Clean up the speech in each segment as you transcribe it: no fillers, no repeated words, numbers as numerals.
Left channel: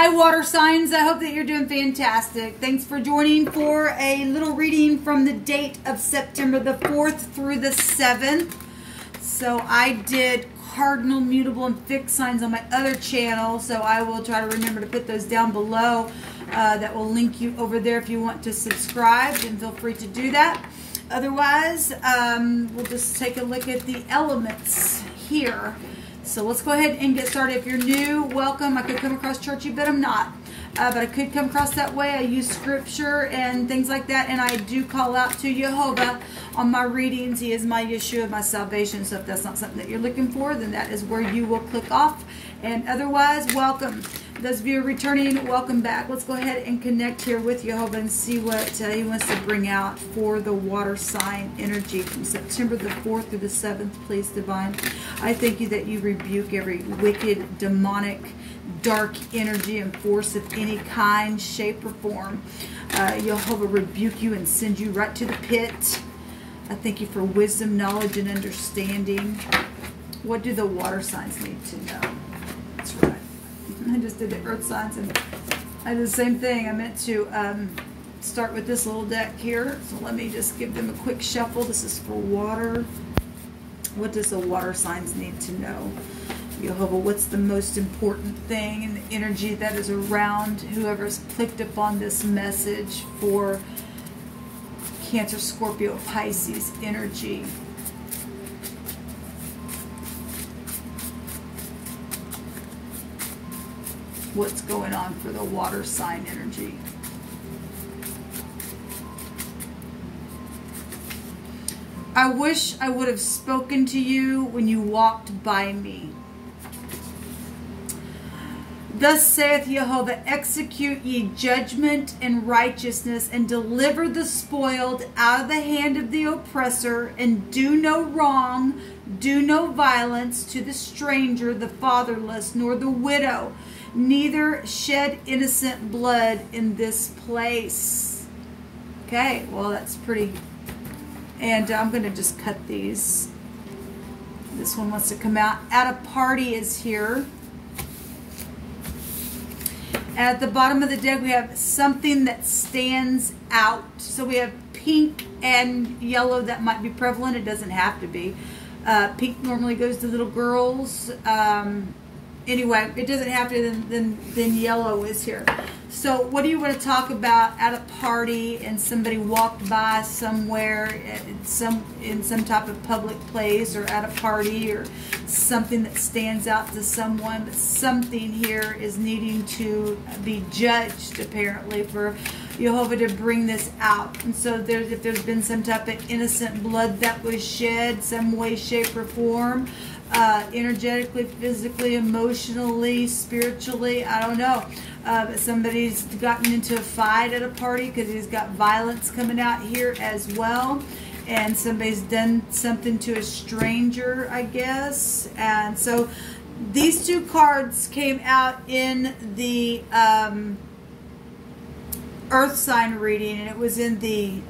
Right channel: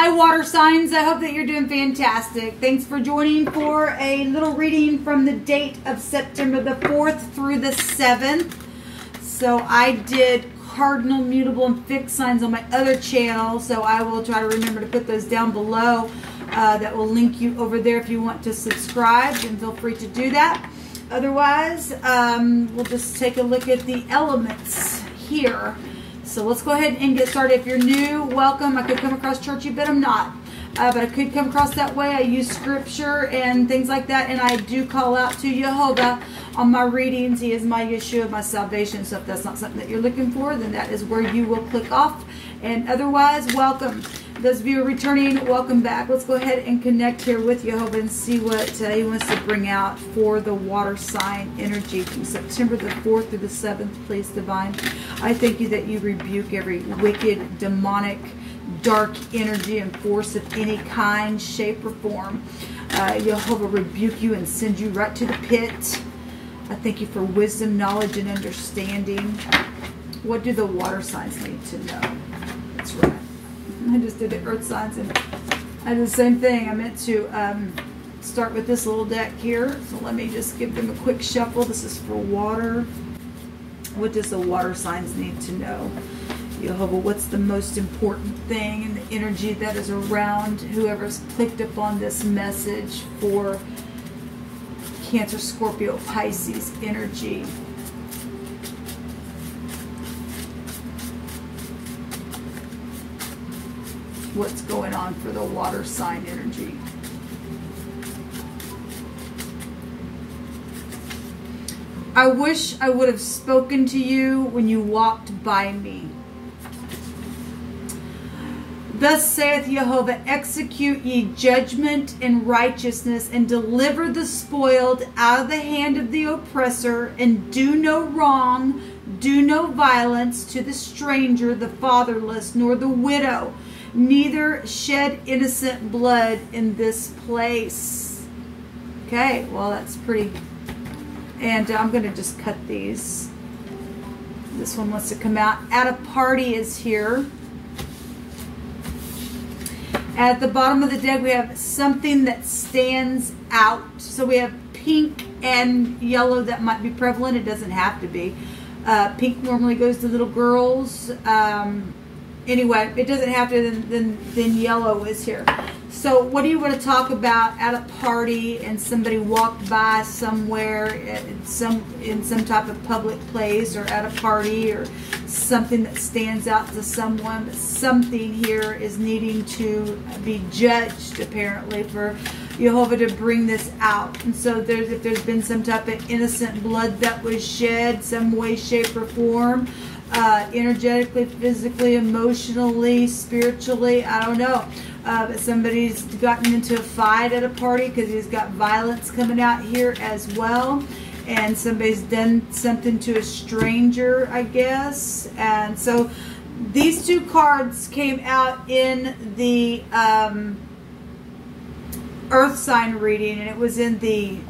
Hi, water signs. I hope that you're doing fantastic. Thanks for joining for a little reading from the date of September the 4th through the 7th. So I did cardinal, mutable, and fixed signs on my other channel. So I will try to remember to put those down below. That will link you over there if you want to subscribe, and feel free to do that. Otherwise, we'll just take a look at the elements here. So let's go ahead and get started. If you're new, welcome. I could come across churchy, but I'm not. But I could come across that way. I use scripture and things like that, and I do call out to Jehovah on my readings. He is my Yeshua, my salvation. So if that's not something that you're looking for, then that is where you will click off. And otherwise, welcome. Those of you returning, welcome back. Let's go ahead and connect here with Jehovah and see what he wants to bring out for the water sign energy from September the 4th to the 7th, please, Divine. I thank you that you rebuke every wicked, demonic, dark energy and force of any kind, shape, or form. Jehovah rebuke you and send you right to the pit. I thank you for wisdom, knowledge, and understanding. What do the water signs need to know? That's right. I just did the earth signs, and I did the same thing. I meant to start with this little deck here. So let me just give them a quick shuffle. This is for water. What does the water signs need to know? Jehovah, what's the most important thing in the energy that is around whoever's clicked upon this message for Cancer, Scorpio, Pisces energy? What's going on for the water sign energy? I wish I would have spoken to you when you walked by me. Thus saith Jehovah, execute ye judgment and righteousness, and deliver the spoiled out of the hand of the oppressor, and do no wrong, do no violence to the stranger, the fatherless, nor the widow, neither shed innocent blood in this place. Okay, well, that's pretty. And I'm going to just cut these. This one wants to come out. At a party is here. At the bottom of the deck, we have something that stands out. So we have pink and yellow that might be prevalent. It doesn't have to be. Pink normally goes to little girls. Anyway, it doesn't have to, then yellow is here. So what do you want to talk about at a party and somebody walked by somewhere in some type of public place, or at a party, or something that stands out to someone, but something here is needing to be judged, apparently, for Jehovah to bring this out. And so if there's been some type of innocent blood that was shed, some way, shape, or form, energetically, physically, emotionally, spiritually, I don't know. But somebody's gotten into a fight at a party because he's got violence coming out here as well. And somebody's done something to a stranger, I guess. And so these two cards came out in the earth sign reading, and it was in the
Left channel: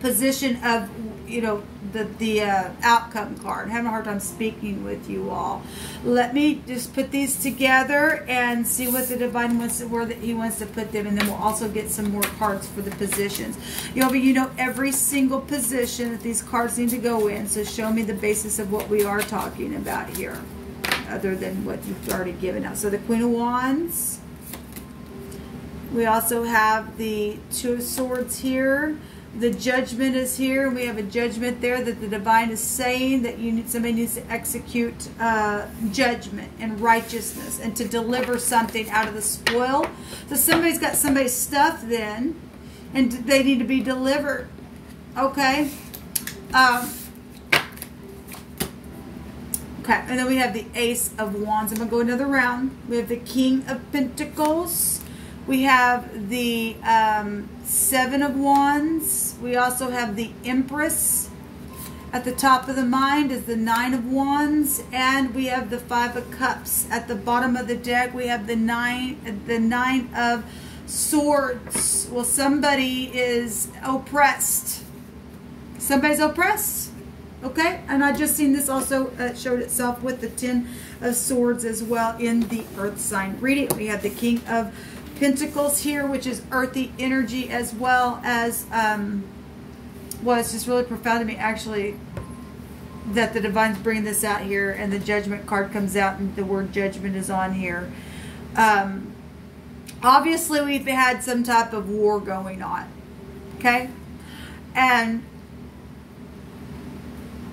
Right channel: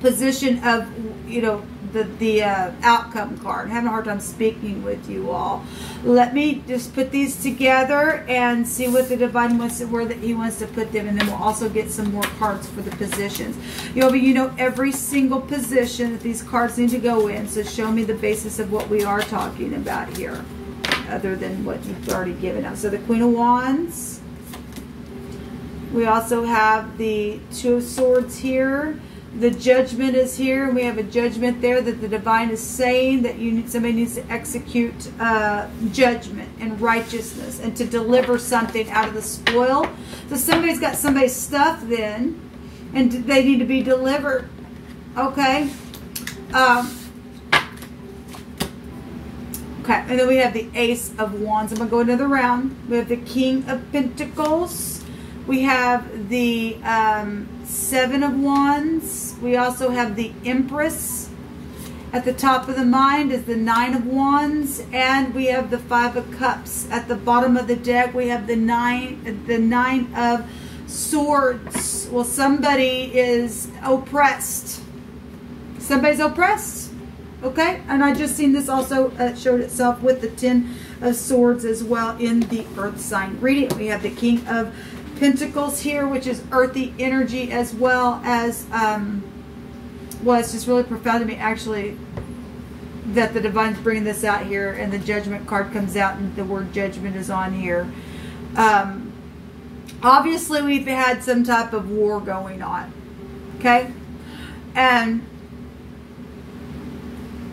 position of, you know, the outcome card. I'm having a hard time speaking with you all. Let me just put these together and see what the divine wants to, where that he wants to put them, and then we'll also get some more cards for the positions. You know every single position that these cards need to go in, so show me the basis of what we are talking about here, other than what you've already given out. So the Queen of Wands. We also have the Two of Swords here. The Judgment is here, and we have a judgment there that the divine is saying that somebody needs to execute judgment and righteousness, and to deliver something out of the spoil. So somebody's got somebody's stuff then, and they need to be delivered. Okay. Okay, and then we have the Ace of Wands. I'm going to go another round. We have the King of Pentacles. We have the Seven of Wands. We also have the Empress. At the top of the mind is the Nine of Wands, and we have the Five of Cups. At the bottom of the deck, we have the Nine of Swords. Well, somebody is oppressed. Somebody's oppressed. Okay, and I just seen this also showed itself with the Ten of Swords as well in the Earth sign reading. We have the King of Pentacles here, which is earthy energy, as well as, well, it's just really profound to me, actually, that the Divine's bringing this out here, and the Judgment card comes out, and the word judgment is on here. Obviously, we've had some type of war going on, okay? And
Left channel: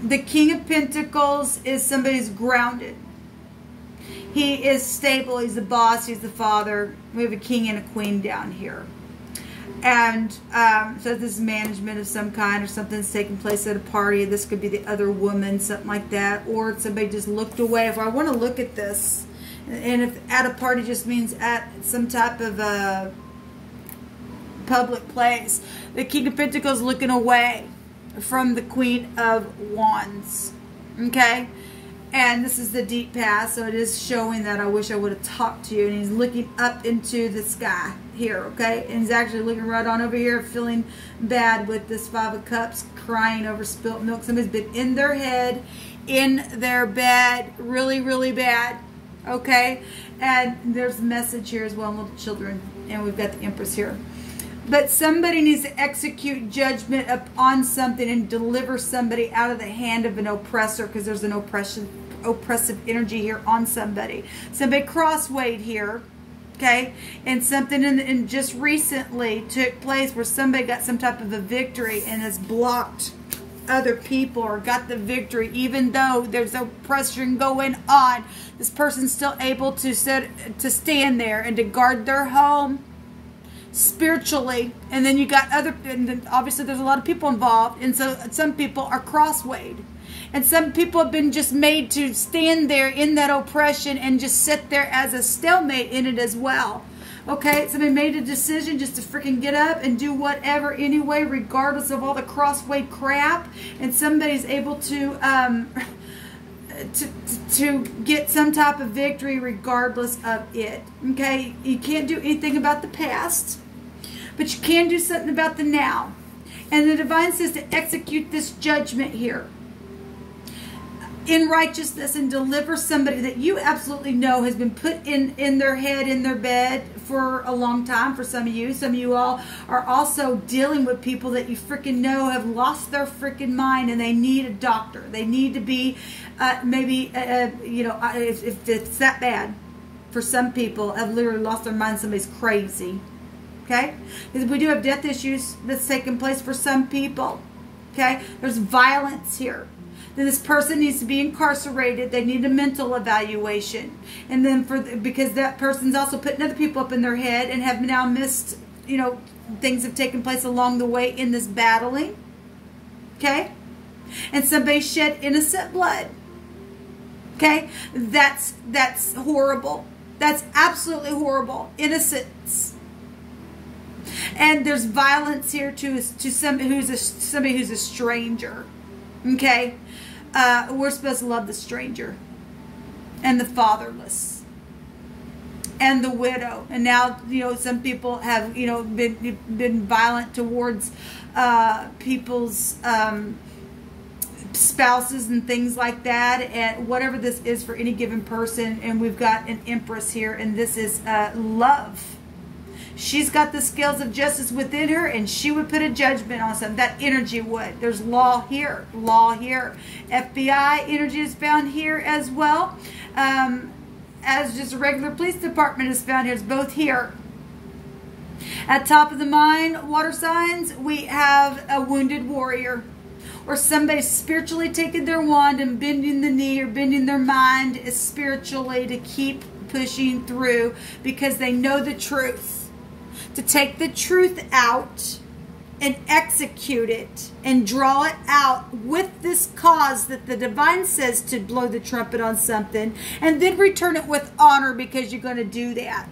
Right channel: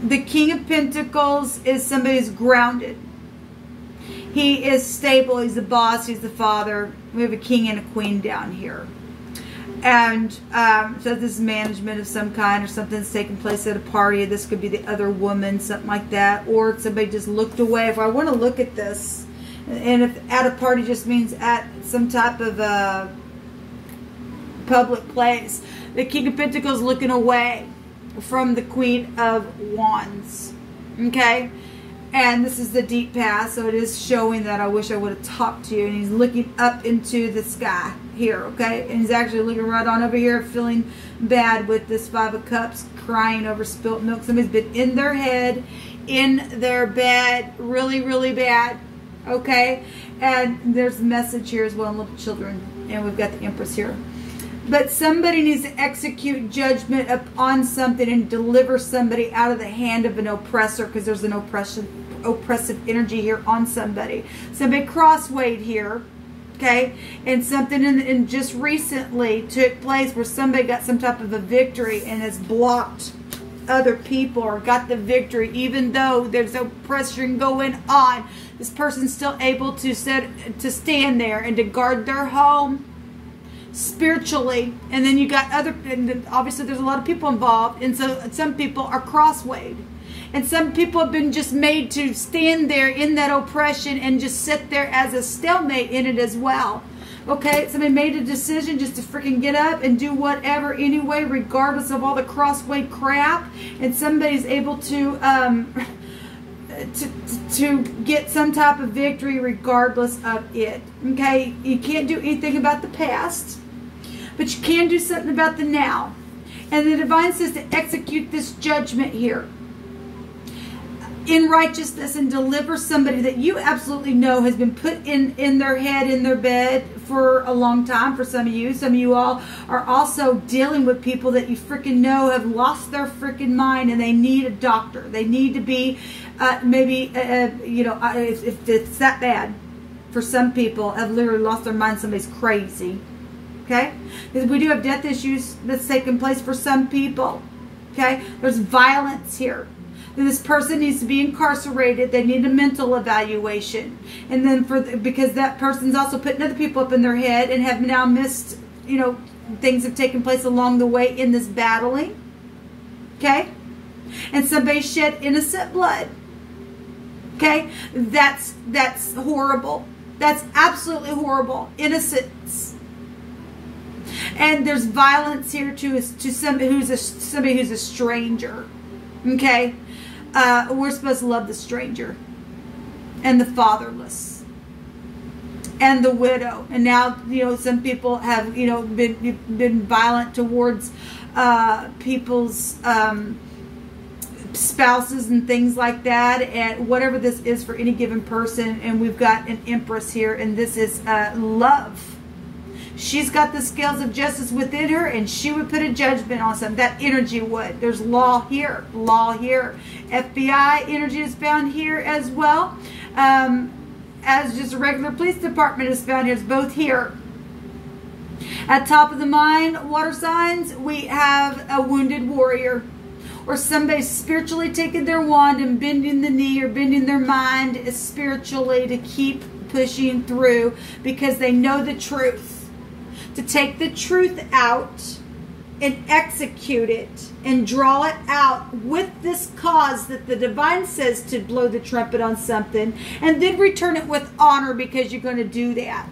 the King of Pentacles is somebody who's grounded. He is stable. He's the boss. He's the father. We have a king and a queen down here. And so this is management of some kind, or something that's taking place at a party. This could be the other woman, something like that. Or somebody just looked away. If I want to look at this, and if at a party just means at some type of a public place, the King of Pentacles looking away from the Queen of Wands. Okay? And this is the deep past, so it is showing that I wish I would have talked to you. And he's looking up into the sky here, okay? And he's actually looking right on over here, feeling bad with this Five of Cups, crying over spilt milk. Somebody's been in their head, in their bed, really, really bad, okay? And there's a message here as well, little children. And we've got the Empress here. But somebody needs to execute judgment upon something and deliver somebody out of the hand of an oppressor, because there's an oppressive energy here on somebody. Somebody crosswayed here, okay? And something in just recently took place where somebody got some type of a victory and has blocked other people, or got the victory even though there's oppression going on. This person's still able to stand there and to guard their home spiritually. And then you got other, and then obviously there's a lot of people involved, and so some people are crosswayed, and some people have been just made to stand there in that oppression and just sit there as a stalemate in it as well. Okay, somebody made a decision just to freaking get up and do whatever anyway, regardless of all the crossway crap, and somebody's able to get some type of victory regardless of it. Okay, you can't do anything about the past, but you can do something about the now. And the Divine says to execute this judgment here in righteousness and deliver somebody that you absolutely know has been put in their head, in their bed for a long time. For some of you. Some of you all are also dealing with people that you freaking know have lost their freaking mind, and they need a doctor. They need to be maybe, you know, if it's that bad, for some people have literally lost their mind. Somebody's crazy. Okay? Because we do have death issues that's taking place for some people. Okay? There's violence here. Then this person needs to be incarcerated. They need a mental evaluation. And then because that person's also putting other people up in their head and have now missed, you know, things have taken place along the way in this battling. Okay? And somebody shed innocent blood. Okay? That's horrible. That's absolutely horrible. Innocence. And there's violence here to somebody who's a stranger. Okay? We're supposed to love the stranger and the fatherless and the widow. And now, you know, some people have, you know, been violent towards people's spouses and things like that, and whatever this is for any given person. And we've got an Empress here, and this is love. She's got the scales of justice within her, and she would put a judgment on something. That energy would. There's law here. Law here. FBI energy is found here as well. As just a regular police department is found here. It's both here. At top of the mind, water signs, we have a wounded warrior. Or somebody spiritually taking their wand and bending the knee or bending their mind spiritually to keep pushing through because they know the truth. To take the truth out and execute it and draw it out with this cause that the Divine says to blow the trumpet on something, and then return it with honor because you're going to do that.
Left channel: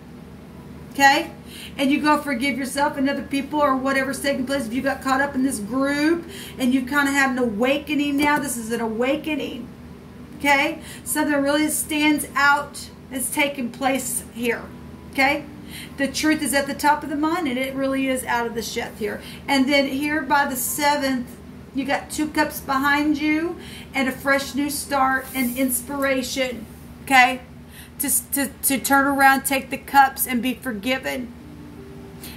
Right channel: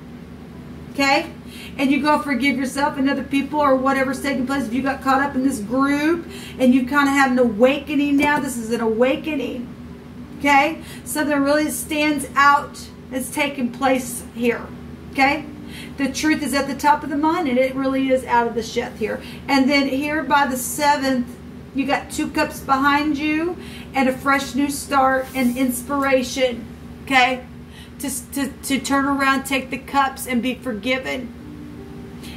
Okay? And you go forgive yourself and other people or whatever's taking place. If you got caught up in this group and you kind of have an awakening now, this is an awakening. Okay? Something really stands out as taking place here. Okay? The truth is at the top of the mind, and it really is out of the sheth here. And then here by the 7th, you got 2 cups behind you and a fresh new start and inspiration. Okay? To turn around, take the cups, and be forgiven.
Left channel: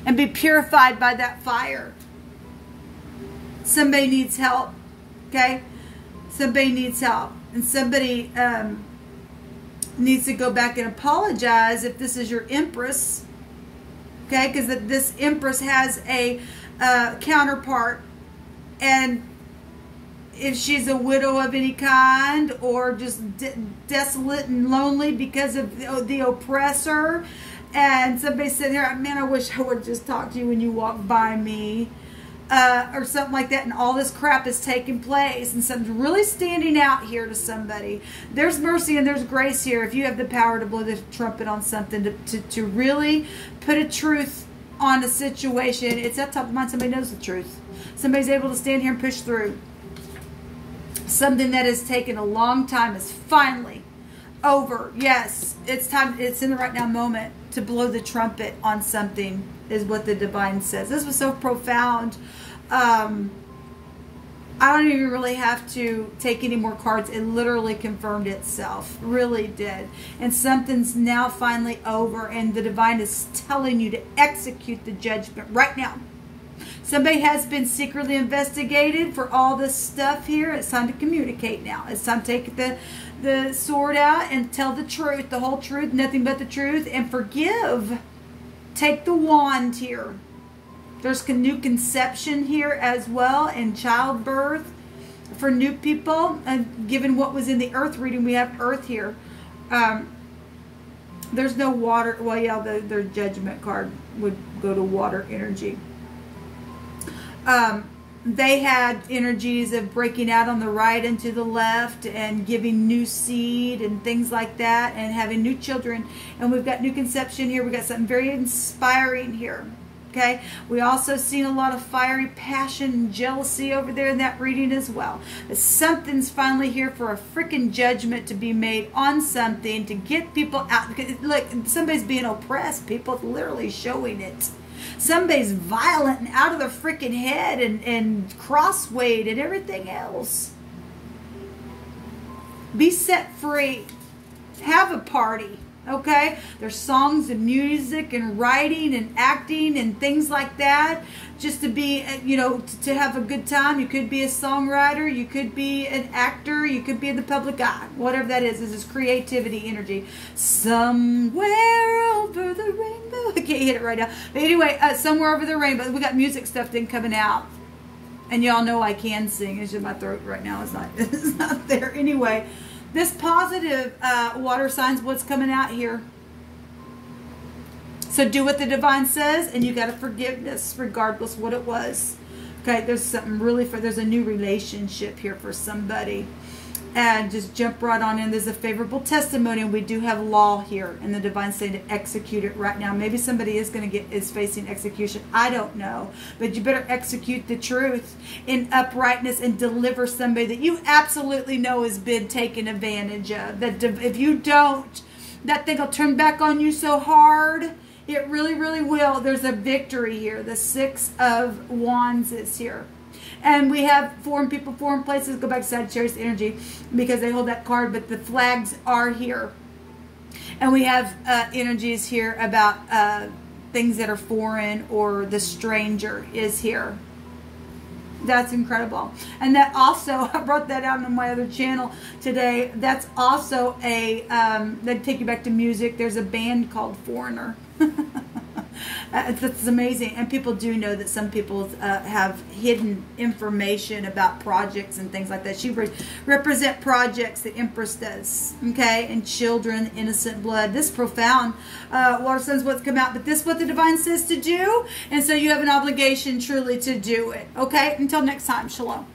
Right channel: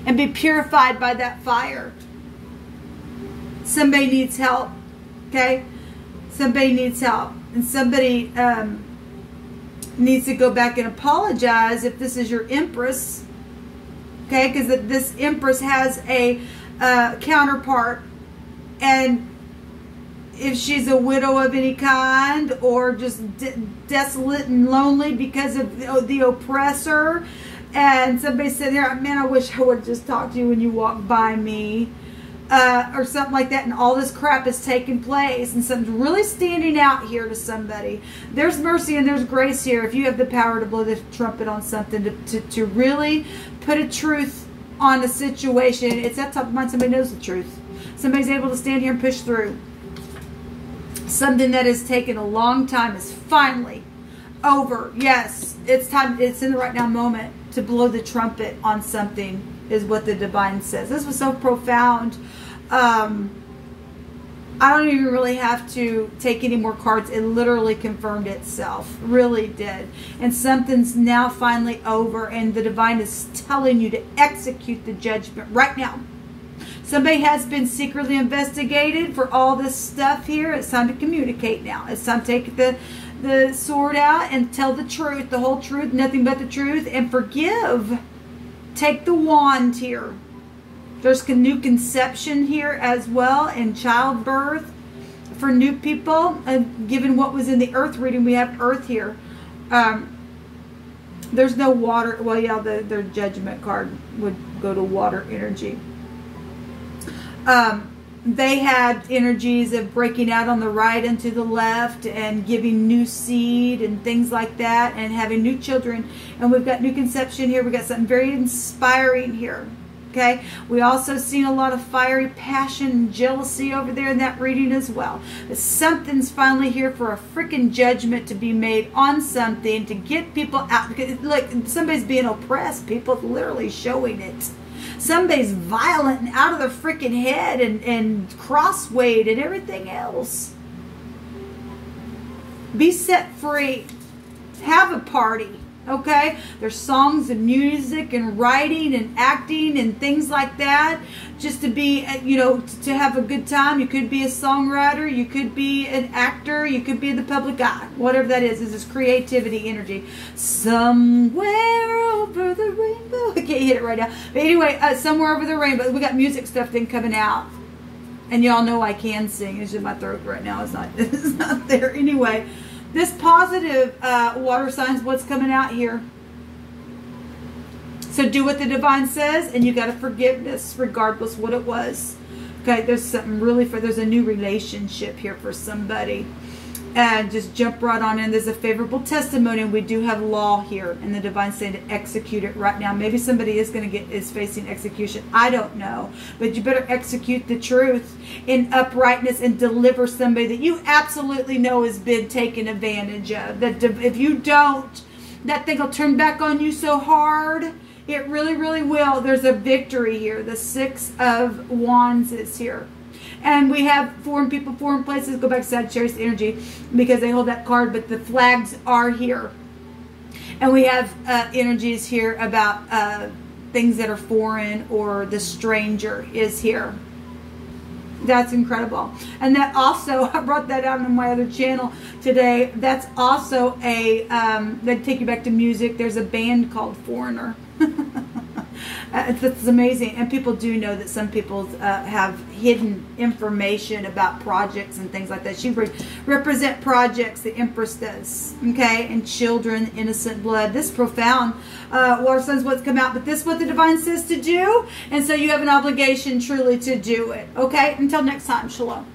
And be purified by that fire. Somebody needs help. Okay? Somebody needs help. And somebody needs to go back and apologize if this is your Empress. Okay? Because this Empress has a counterpart. And if she's a widow of any kind, or just desolate and lonely because of the oppressor, and somebody said, "Here, man, I wish I would have just talked to you when you walked by me," or something like that, and all this crap is taking place, and something's really standing out here to somebody. There's mercy and there's grace here if you have the power to blow the trumpet on something, to really put a truth on a situation. It's that top of mind. Somebody knows the truth. Somebody's able to stand here and push through. Something that has taken a long time is finally over. Yes, it's time. It's in the right now moment to blow the trumpet on something, is what the divine says. This was so profound. I don't even really have to take any more cards. It literally confirmed itself. Really did. And something's now finally over, and the divine is telling you to execute the judgment right now. Somebody has been secretly investigated for all this stuff here. It's time to communicate now. It's time to take the sword out and tell the truth, the whole truth, nothing but the truth, and forgive. Take the wand here. There's new conception here as well, and childbirth for new people. Given what was in the earth reading, we have earth here. There's no water. Well, yeah, their judgment card would go to water energy. They had energies of breaking out on the right and to the left, and giving new seed and things like that, and having new children. And we've got new conception here. We've got something very inspiring here. Okay, we also seen a lot of fiery passion and jealousy over there in that reading as well. But something's finally here for a freaking judgment to be made on something, to get people out. Look, somebody's being oppressed. People literally showing it. Somebody's violent and out of their freaking head, and crosswayed and everything else. Be set free. Have a party. Okay? There's songs and music and writing and acting and things like that. Just to be, you know, to have a good time. You could be a songwriter. You could be an actor. You could be in the public eye. Whatever that is this creativity energy. Somewhere over the rainbow. I can't hit it right now. But anyway, somewhere over the rainbow. We got music stuff then coming out. And y'all know I can sing. It's just my throat right now. It's not there. Anyway. This positive water signs, what's coming out here. So do what the divine says, and you got a forgiveness regardless what it was. Okay, there's something really there's a new relationship here for somebody. And just jump right on in. There's a favorable testimony, and we do have law here, and the divine saying to execute it right now. Maybe somebody is is facing execution. I don't know, but you better execute the truth in uprightness and deliver somebody that you absolutely know has been taken advantage of. That if you don't, that thing will turn back on you so hard. It really, really will. There's a victory here. The Six of Wands is here. And we have foreign people, foreign places. Go back to Sagittarius energy because they hold that card. But the flags are here. And we have energies here about things that are foreign, or the stranger is here. That's incredible. And that also, I brought that out on my other channel today. That's also a, they take you back to music. There's a band called Foreigner. It's amazing. And people do know that some people have hidden information about projects and things like that. She represent projects, the Empress does. Okay? And children, innocent blood. This profound. Water signs what's come out. But this is what the divine says to do. And so you have an obligation truly to do it. Okay? Until next time. Shalom.